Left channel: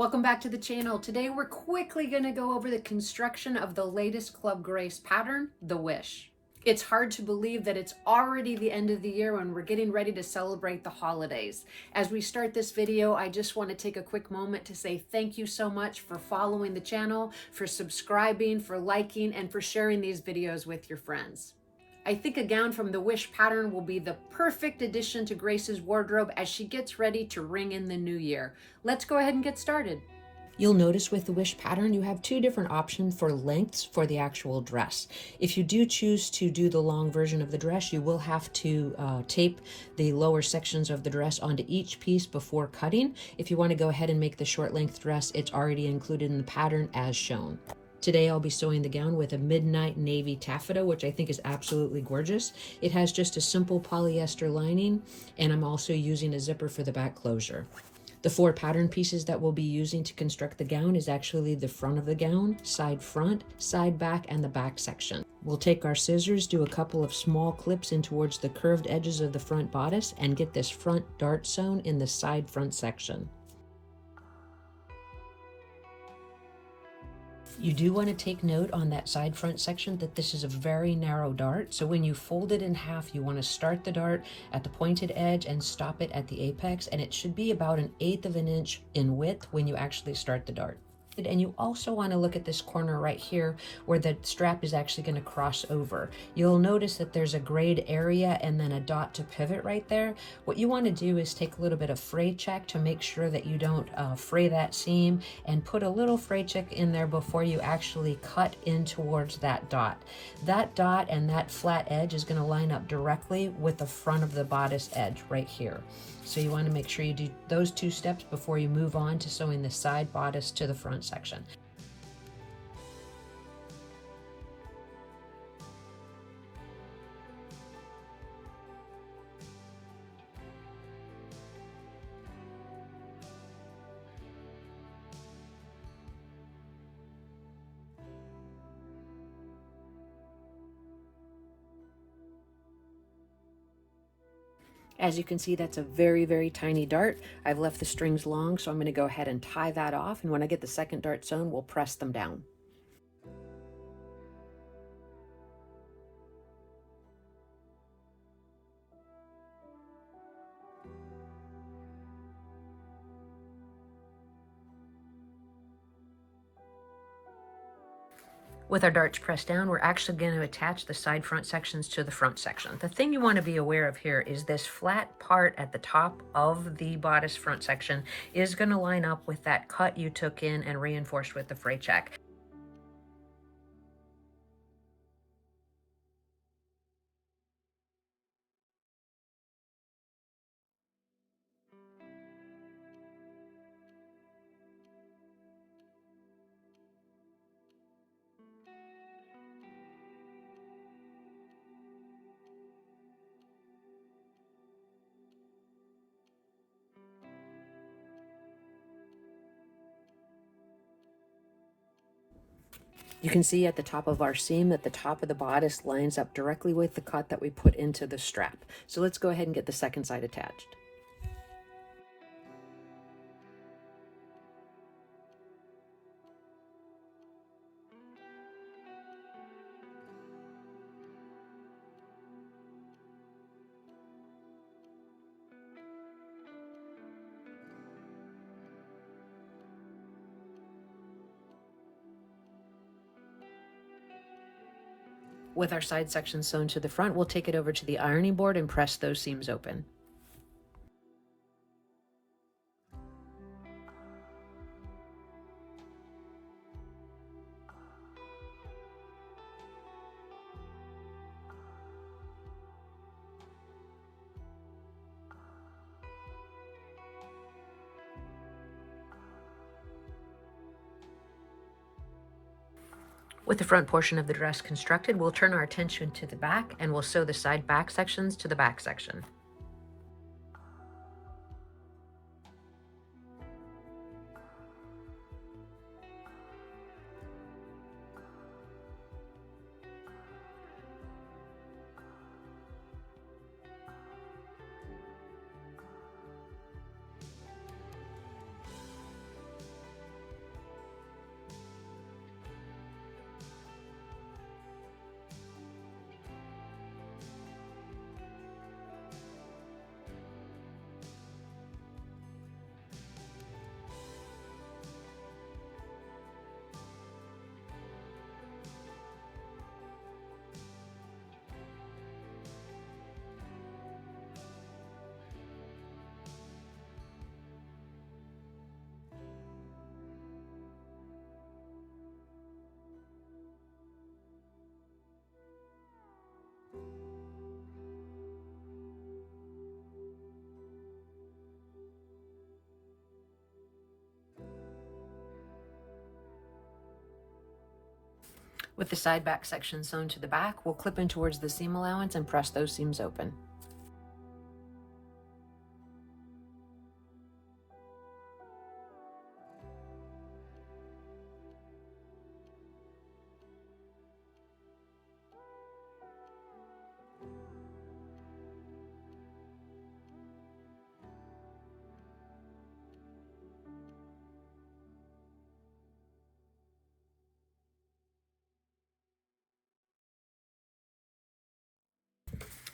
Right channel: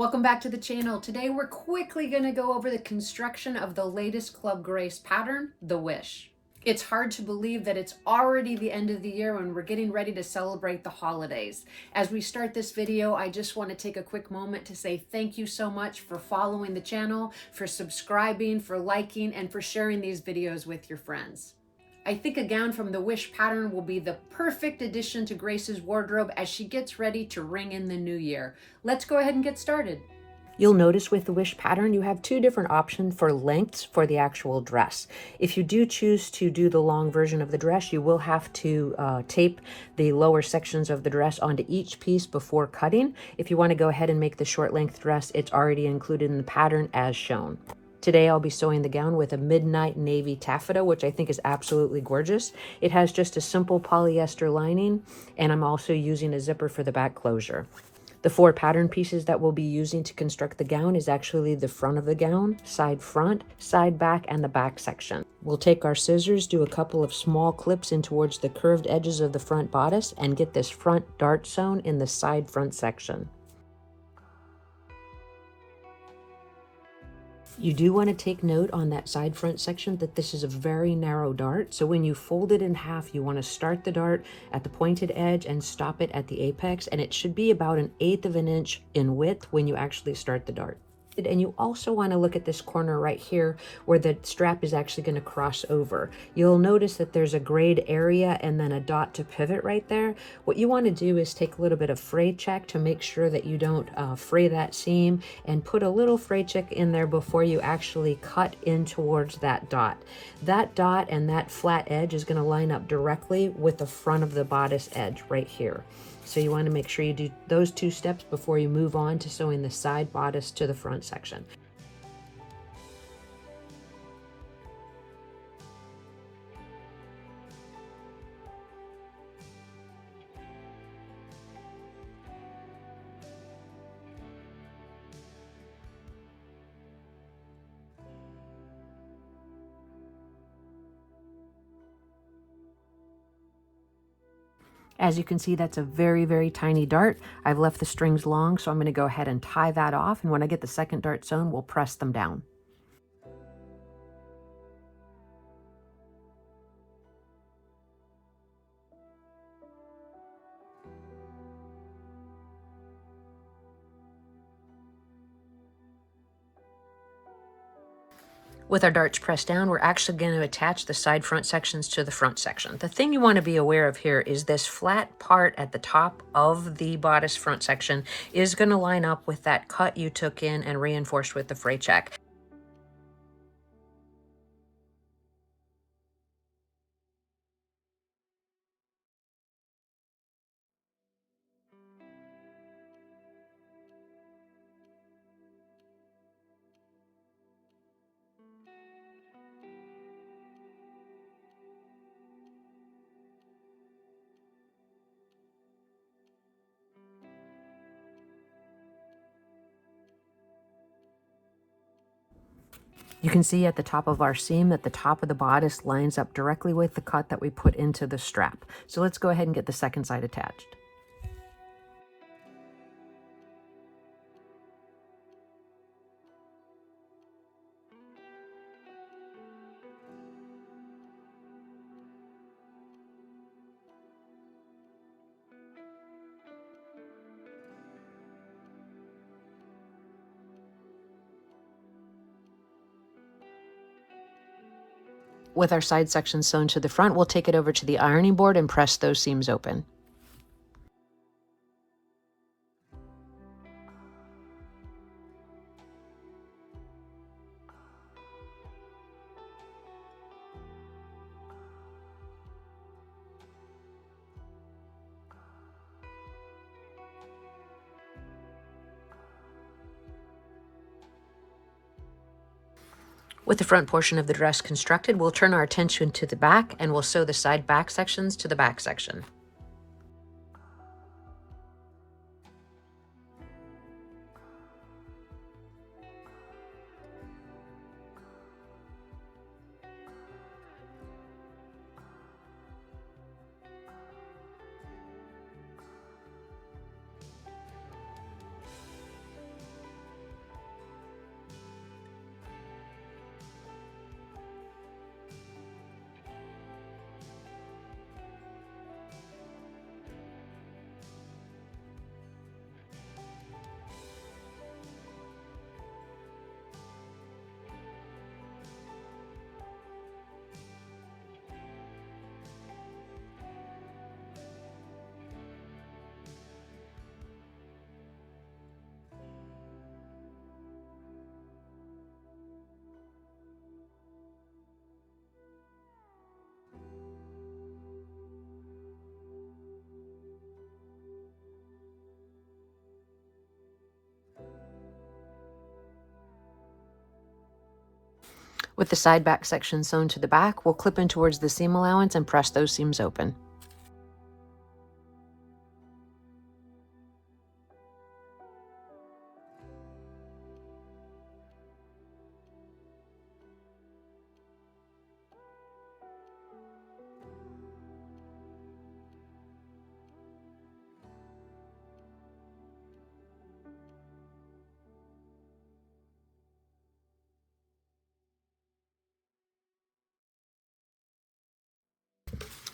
Welcome back to the channel. Today we're quickly going to go over the construction of the latest Club Grace pattern, the Wish. It's hard to believe that it's already the end of the year when we're getting ready to celebrate the holidays. As we start this video, I just want to take a quick moment to say thank you so much for following the channel, for subscribing, for liking, and for sharing these videos with your friends. I think a gown from the Wish pattern will be the perfect addition to Grace's wardrobe as she gets ready to ring in the new year. Let's go ahead and get started. You'll notice with the Wish pattern, you have two different options for lengths for the actual dress. If you do choose to do the long version of the dress, you will have to tape the lower sections of the dress onto each piece before cutting. If you want to go ahead and make the short length dress, it's already included in the pattern as shown. Today I'll be sewing the gown with a midnight navy taffeta, which I think is absolutely gorgeous. It has just a simple polyester lining, and I'm also using a zipper for the back closure. The four pattern pieces that we'll be using to construct the gown is actually the front of the gown, side front, side back, and the back section. We'll take our scissors, do a couple of small clips in towards the curved edges of the front bodice, and get this front dart sewn in the side front section. You do want to take note on that side front section that this is a very narrow dart. So when you fold it in half, you want to start the dart at the pointed edge and stop it at the apex. And it should be about 1/8 of an inch in width when you actually start the dart. And you also want to look at this corner right here where the strap is actually going to cross over. You'll notice that there's a grayed area and then a dot to pivot right there. What you want to do is take a little bit of fray check to make sure that you don't fray that seam, and put a little fray check in there before you actually cut in towards that dot. That dot and that flat edge is going to line up directly with the front of the bodice edge right here. So you want to make sure you do those two steps before you move on to sewing the side bodice to the front section. As you can see, that's a very, very tiny dart. I've left the strings long, so I'm going to go ahead and tie that off. And when I get the second dart sewn, we'll press them down. With our darts pressed down, we're actually going to attach the side front sections to the front section. The thing you want to be aware of here is this flat part at the top of the bodice front section is going to line up with that cut you took in and reinforced with the fray check. You can see at the top of our seam that the top of the bodice lines up directly with the cut that we put into the strap. So let's go ahead and get the second side attached. With our side section sewn to the front, we'll take it over to the ironing board and press those seams open. With the front portion of the dress constructed, we'll turn our attention to the back and we'll sew the side back sections to the back section. With the side back section sewn to the back, we'll clip in towards the seam allowance and press those seams open.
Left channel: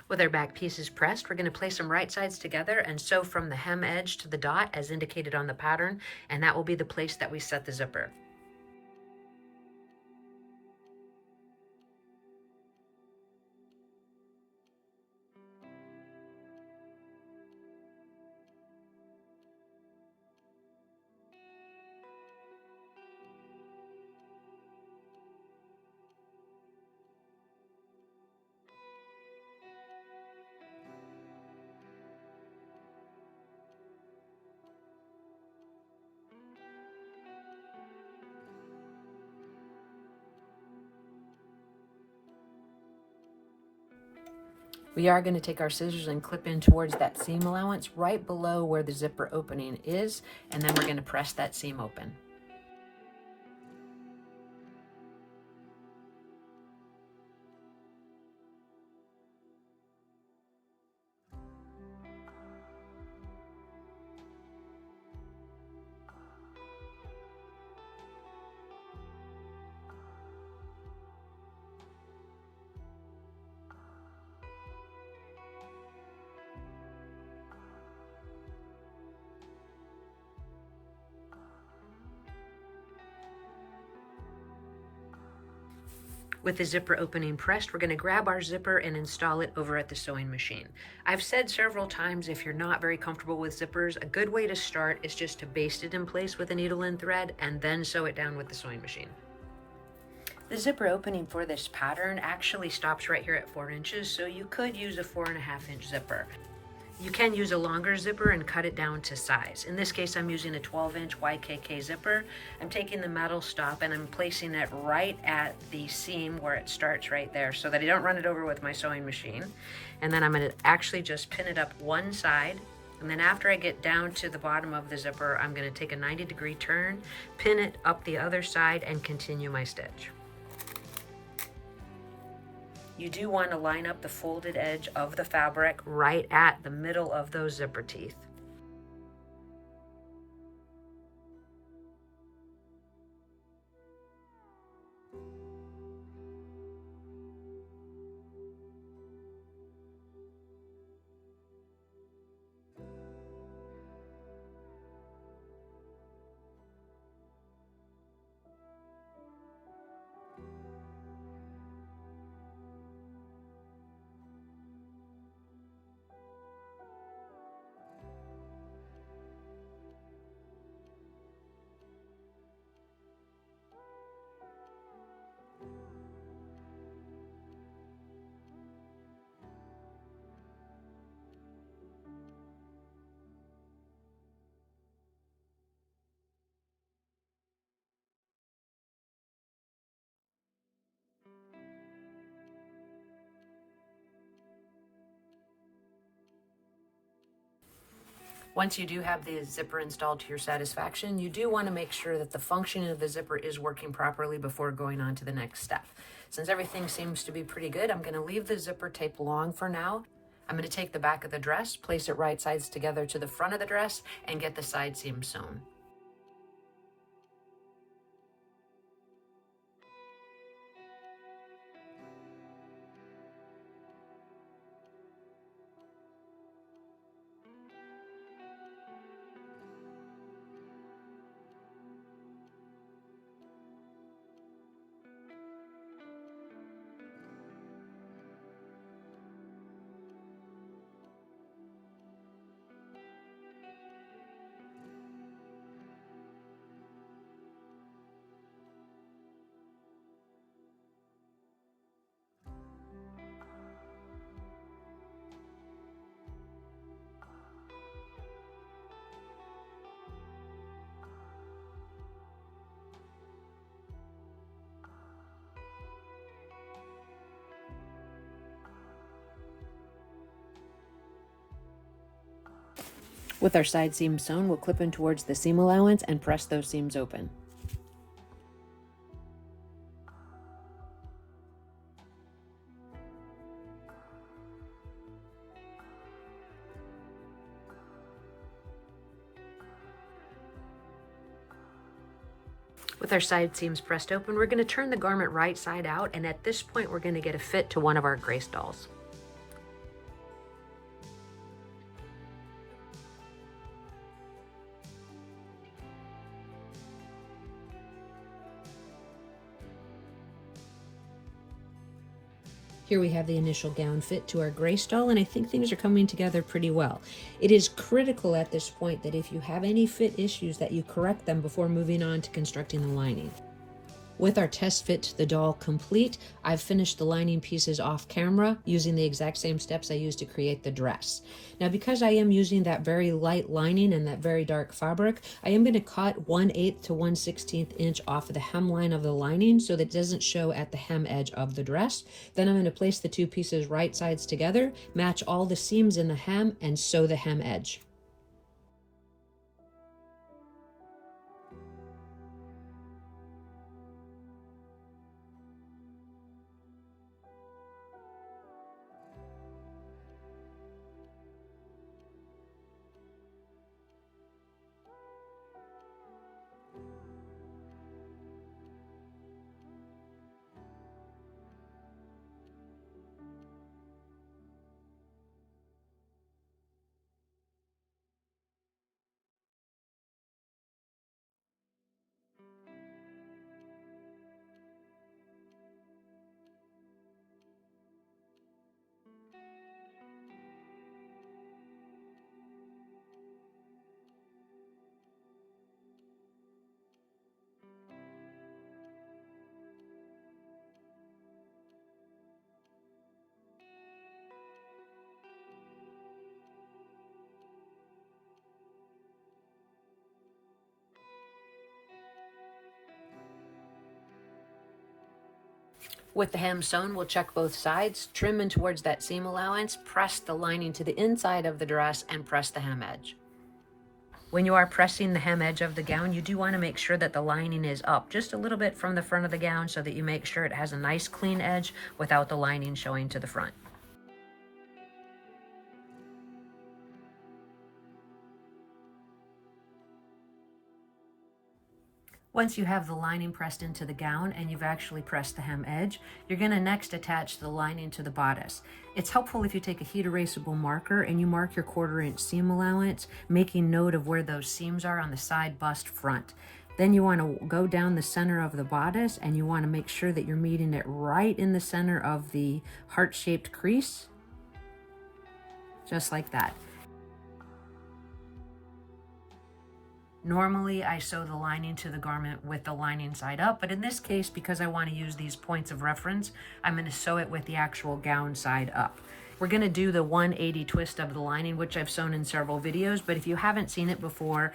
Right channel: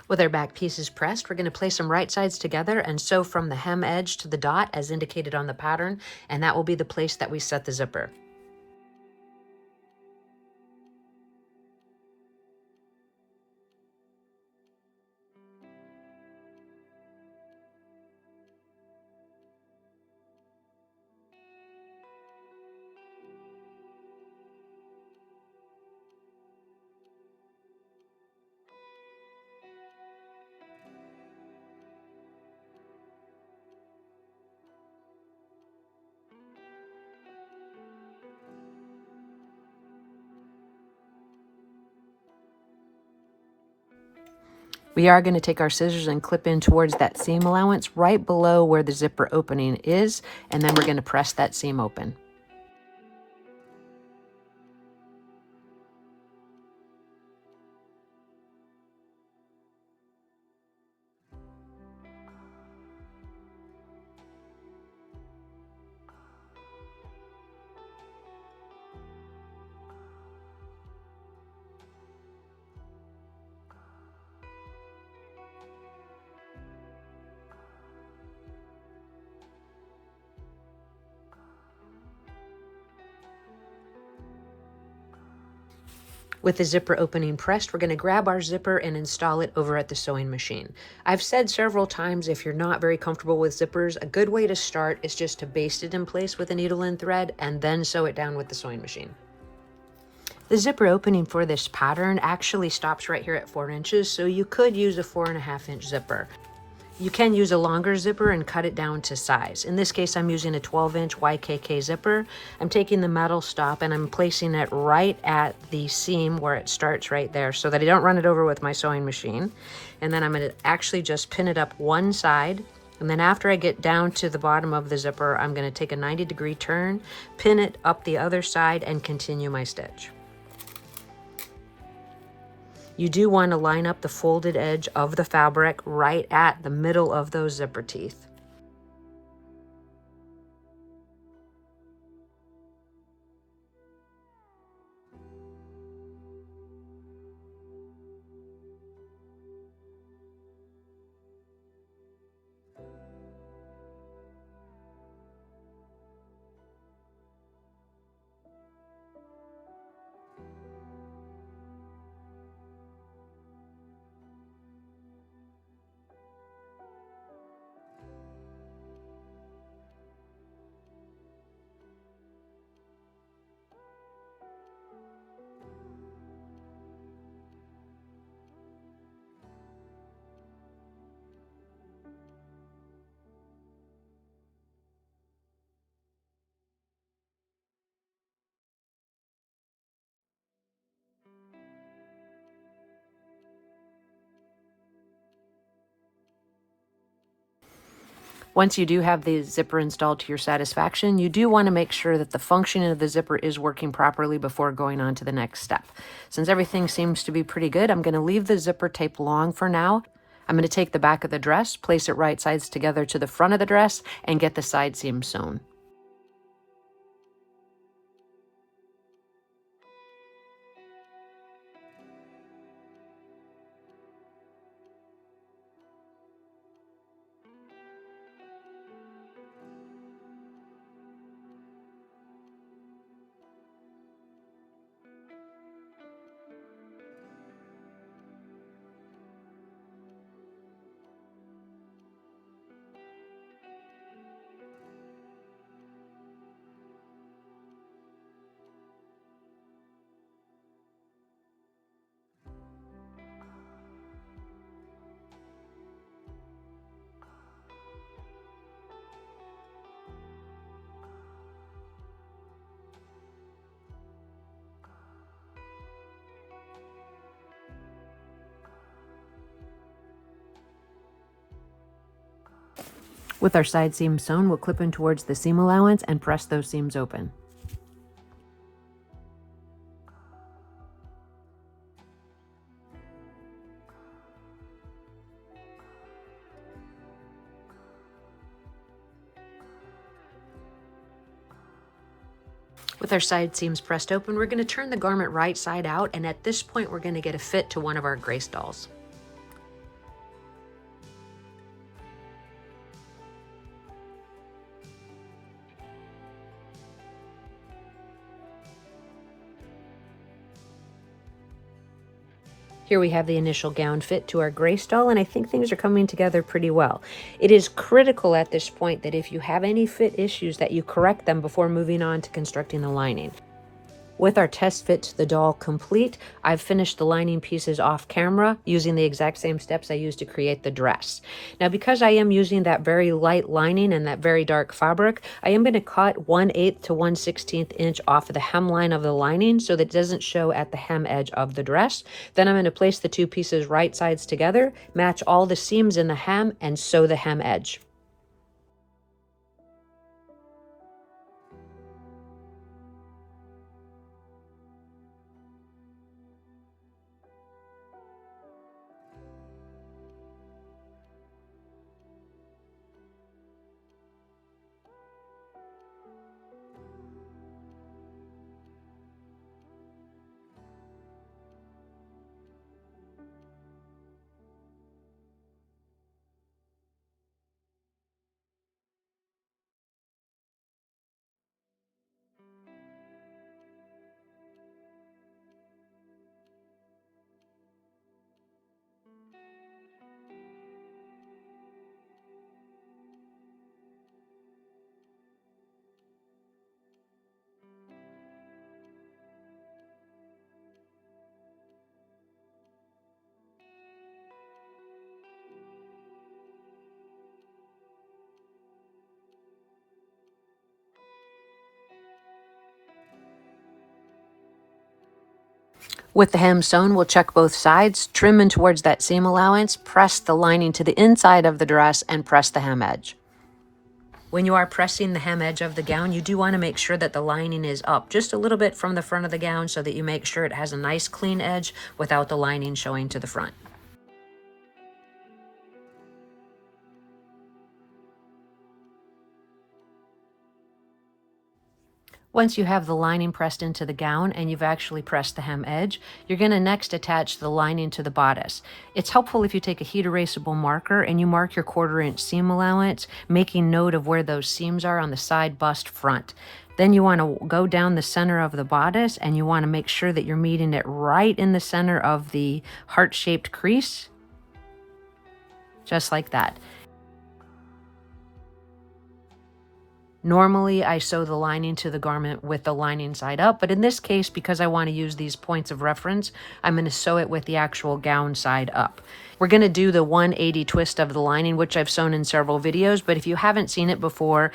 With our back pieces pressed, we're going to place them right sides together and sew from the hem edge to the dot as indicated on the pattern, and that will be the place that we set the zipper. We are going to take our scissors and clip in towards that seam allowance right below where the zipper opening is, and then we're going to press that seam open. With the zipper opening pressed, we're going to grab our zipper and install it over at the sewing machine. I've said several times, if you're not very comfortable with zippers, a good way to start is just to baste it in place with a needle and thread and then sew it down with the sewing machine. The zipper opening for this pattern actually stops right here at 4 inches, so you could use a 4.5-inch zipper. You can use a longer zipper and cut it down to size. In this case, I'm using a 12-inch YKK zipper. I'm taking the metal stop and I'm placing it right at the seam where it starts right there so that I don't run it over with my sewing machine. And then I'm going to actually just pin it up one side. And then after I get down to the bottom of the zipper, I'm going to take a 90-degree turn, pin it up the other side, and continue my stitch. You do want to line up the folded edge of the fabric right at the middle of those zipper teeth. Once you do have the zipper installed to your satisfaction, you do want to make sure that the functioning of the zipper is working properly before going on to the next step. Since everything seems to be pretty good, I'm going to leave the zipper tape long for now. I'm going to take the back of the dress, place it right sides together to the front of the dress, and get the side seam sewn. With our side seam sewn, we'll clip in towards the seam allowance and press those seams open. With our side seams pressed open, we're going to turn the garment right side out, and at this point we're going to get a fit to one of our Grace dolls. Here we have the initial gown fit to our Grace doll, and I think things are coming together pretty well. It is critical at this point that if you have any fit issues that you correct them before moving on to constructing the lining. With our test fit to the doll complete, I've finished the lining pieces off camera using the exact same steps I used to create the dress. Now, because I am using that very light lining and that very dark fabric, I am going to cut 1/8 to 1/16 inch off of the hemline of the lining so that it doesn't show at the hem edge of the dress. Then I'm going to place the two pieces right sides together, match all the seams in the hem, and sew the hem edge. With the hem sewn, we'll check both sides, trim in towards that seam allowance, press the lining to the inside of the dress, and press the hem edge. When you are pressing the hem edge of the gown, you do want to make sure that the lining is up just a little bit from the front of the gown so that you make sure it has a nice clean edge without the lining showing to the front. Once you have the lining pressed into the gown and you've actually pressed the hem edge, you're going to next attach the lining to the bodice. It's helpful if you take a heat erasable marker and you mark your 1/4 inch seam allowance, making note of where those seams are on the side, bust, front. Then you want to go down the center of the bodice and you want to make sure that you're meeting it right in the center of the heart-shaped crease, just like that. Normally, I sew the lining to the garment with the lining side up, but in this case, because I want to use these points of reference, I'm going to sew it with the actual gown side up. We're going to do the 180 twist of the lining, which I've sewn in several videos, but if you haven't seen it before,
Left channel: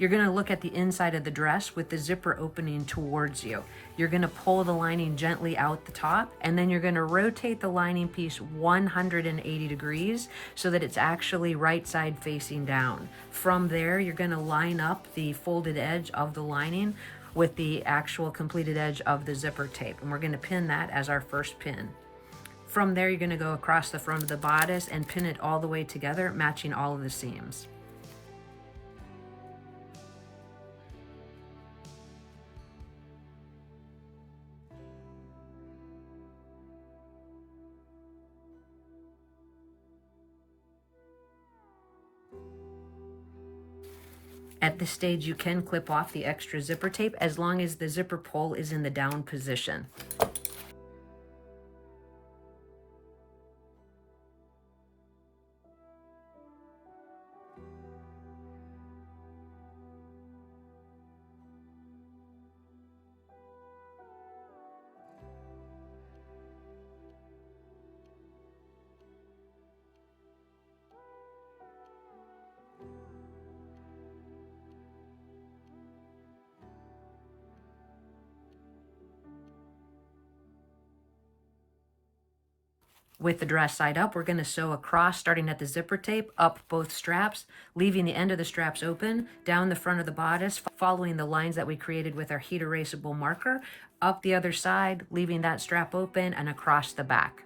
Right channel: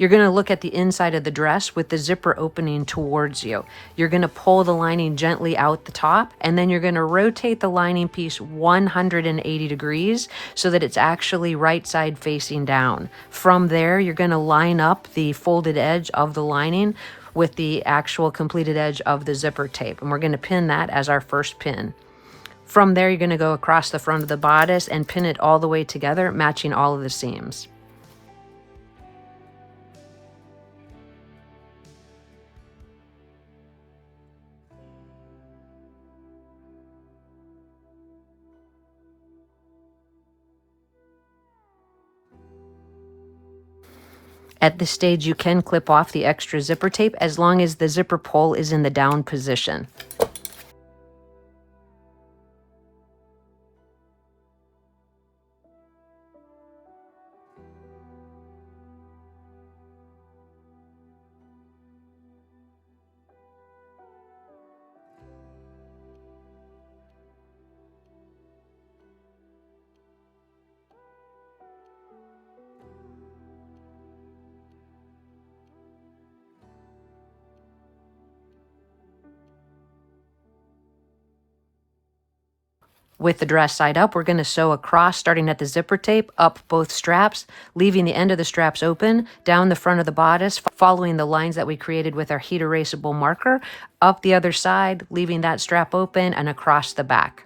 you're going to look at the inside of the dress with the zipper opening towards you. You're going to pull the lining gently out the top, and then you're going to rotate the lining piece 180 degrees so that it's actually right side facing down. From there, you're going to line up the folded edge of the lining with the actual completed edge of the zipper tape, and we're going to pin that as our first pin. From there, you're going to go across the front of the bodice and pin it all the way together, matching all of the seams. At this stage, you can clip off the extra zipper tape as long as the zipper pull is in the down position. With the dress side up, we're going to sew across, starting at the zipper tape, up both straps, leaving the end of the straps open, down the front of the bodice, following the lines that we created with our heat erasable marker, up the other side, leaving that strap open, and across the back.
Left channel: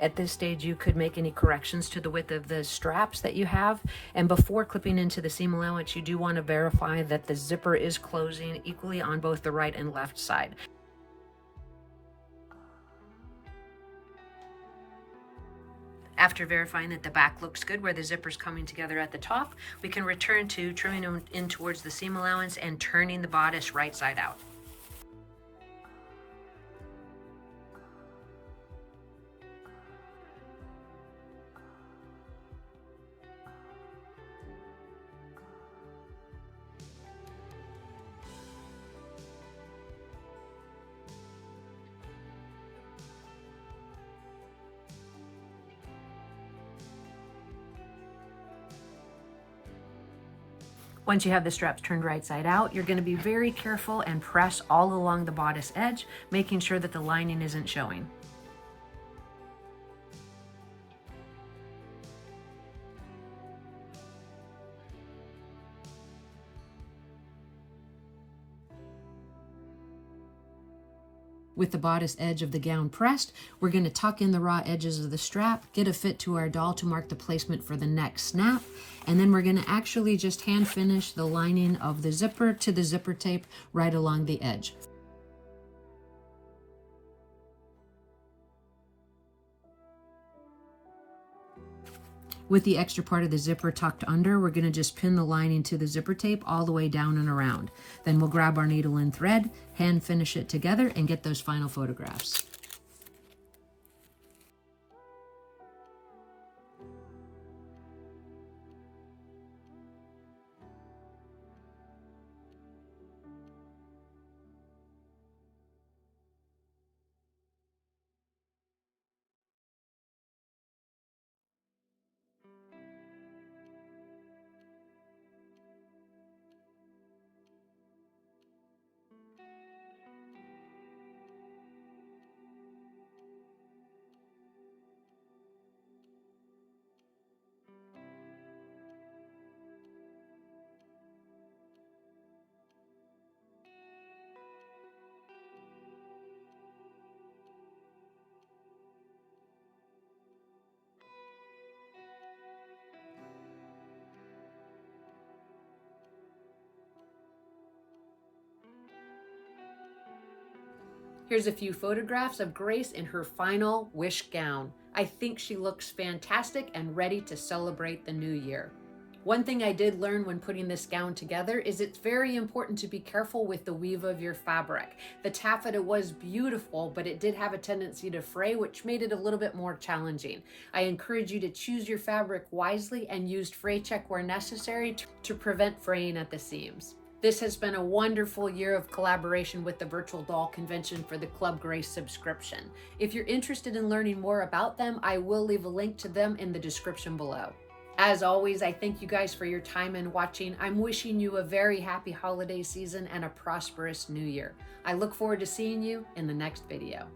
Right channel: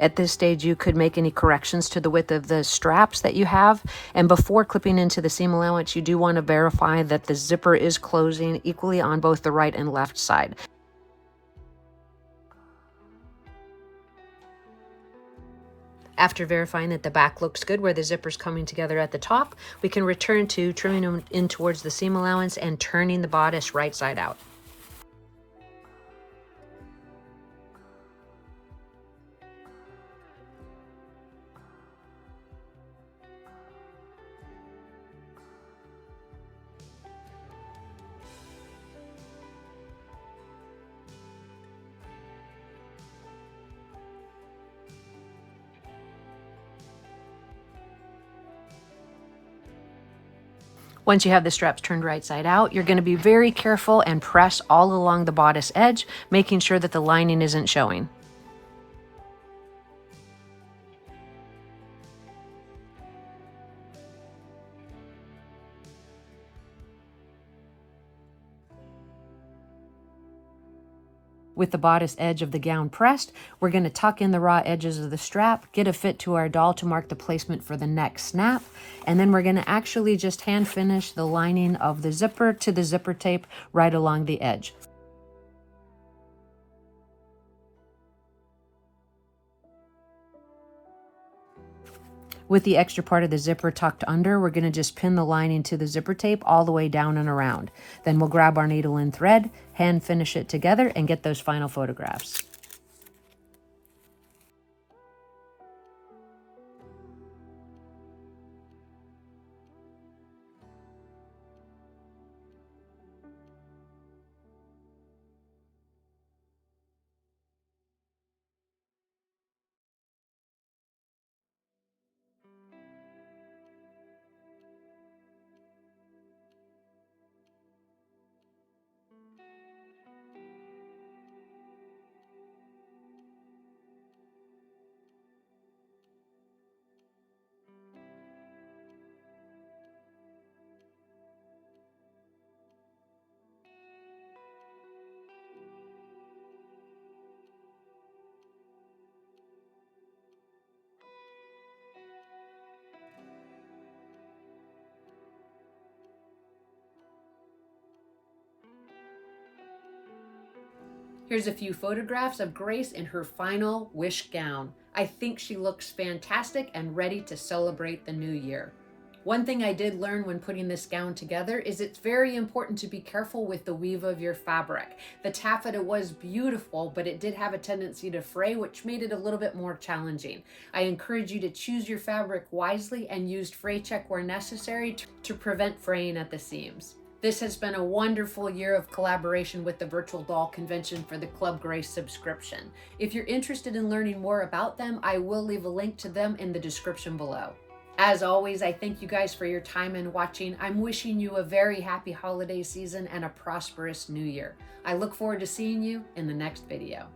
At this stage, you could make any corrections to the width of the straps that you have. And before clipping into the seam allowance, you do want to verify that the zipper is closing equally on both the right and left side. After verifying that the back looks good where the zipper's coming together at the top, we can return to trimming them in towards the seam allowance and turning the bodice right side out. Once you have the straps turned right side out, you're going to be very careful and press all along the bodice edge, making sure that the lining isn't showing. With the bodice edge of the gown pressed, we're going to tuck in the raw edges of the strap, get a fit to our doll to mark the placement for the next snap, and then we're going to actually just hand finish the lining of the zipper to the zipper tape right along the edge. With the extra part of the zipper tucked under, we're going to just pin the lining to the zipper tape all the way down and around. Then we'll grab our needle and thread, hand finish it together, and get those final photographs. Here's a few photographs of Grace in her final wish gown. I think she looks fantastic and ready to celebrate the new year. One thing I did learn when putting this gown together is it's very important to be careful with the weave of your fabric. The taffeta was beautiful, but it did have a tendency to fray, which made it a little bit more challenging. I encourage you to choose your fabric wisely and use fray check where necessary to prevent fraying at the seams. This has been a wonderful year of collaboration with the Virtual Doll Convention for the Club Grace subscription. If you're interested in learning more about them, I will leave a link to them in the description below. As always, I thank you guys for your time and watching. I'm wishing you a very happy holiday season and a prosperous new year. I look forward to seeing you in the next video.